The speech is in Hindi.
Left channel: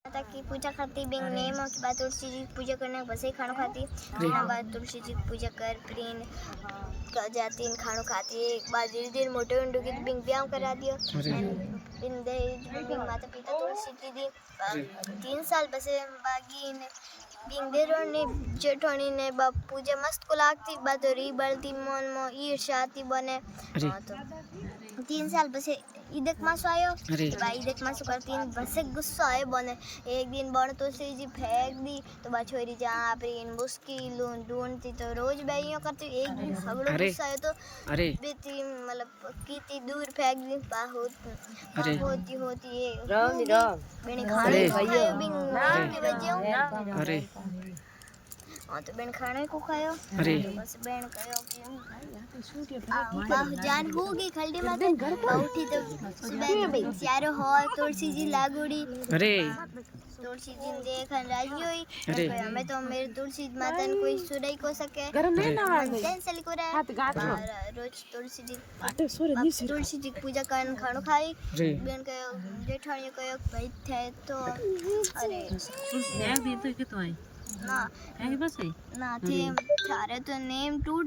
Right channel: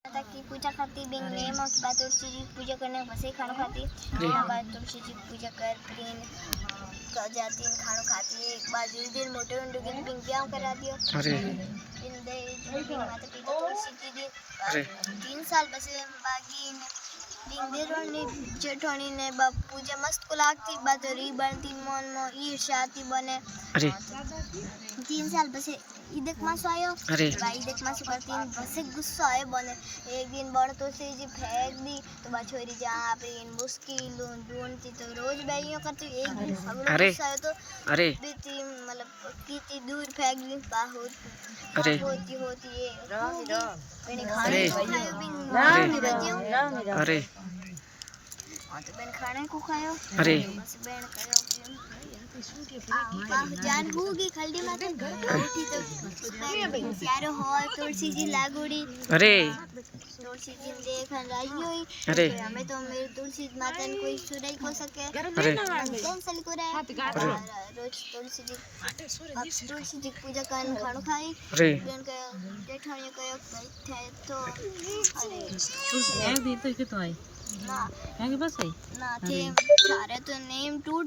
माता की पूजा करती बिन नेम के बाद तुलसी जी की पूजा करने के बाद से खाना खाती ना बाद तुलसी जी की पूजा कर प्रिन का जाती इन खाना खाती एक बाद जिस दिन मोटे उंडू की बिन ब्याह करा दियो बिन दहेज बिन माता पिता तुलसी जी दी 3 साल बसे बागी ने बिन देरो ने जेठोनी ने बाप पूजा मस्त को लागती बात री बलती मन मो ईर्ष्याती बने 3 साल बसे ईदक मासो आयो भाई ईदक मासो कर 3 बसे गुस्सा आयो बने एक दिन बड़ तुलसी जी फेंक दी तो बा छोरी जा प्रिन मुश्किल ढूंढती तो रोज बैलियों करती एक दिन हगड़ो गुस्सा आयो तो बेटी मतलब कितनी दूर फेंक दी होती होती ये बेने खाने को खायो बिन भी बजियो हाँ तो बेन खाने को खायो तो बस बेन कहो कि जान होगी खल्डी माते उठी तो सुबह सारो हो तुलसी जी लागुड़ी तुलसी जी देखन राजी हुई तो हमें तो मेरे तुलसी माता ने कोई सुनाई को सके कैंसिल को रहा रोज तुलसी जी पूजा करन खानो खाई बेन कहो जेठानी कहो भाई थे तो अरे एक दिन तो के तो आई ना है बस ना थे सारे तो नेम टूट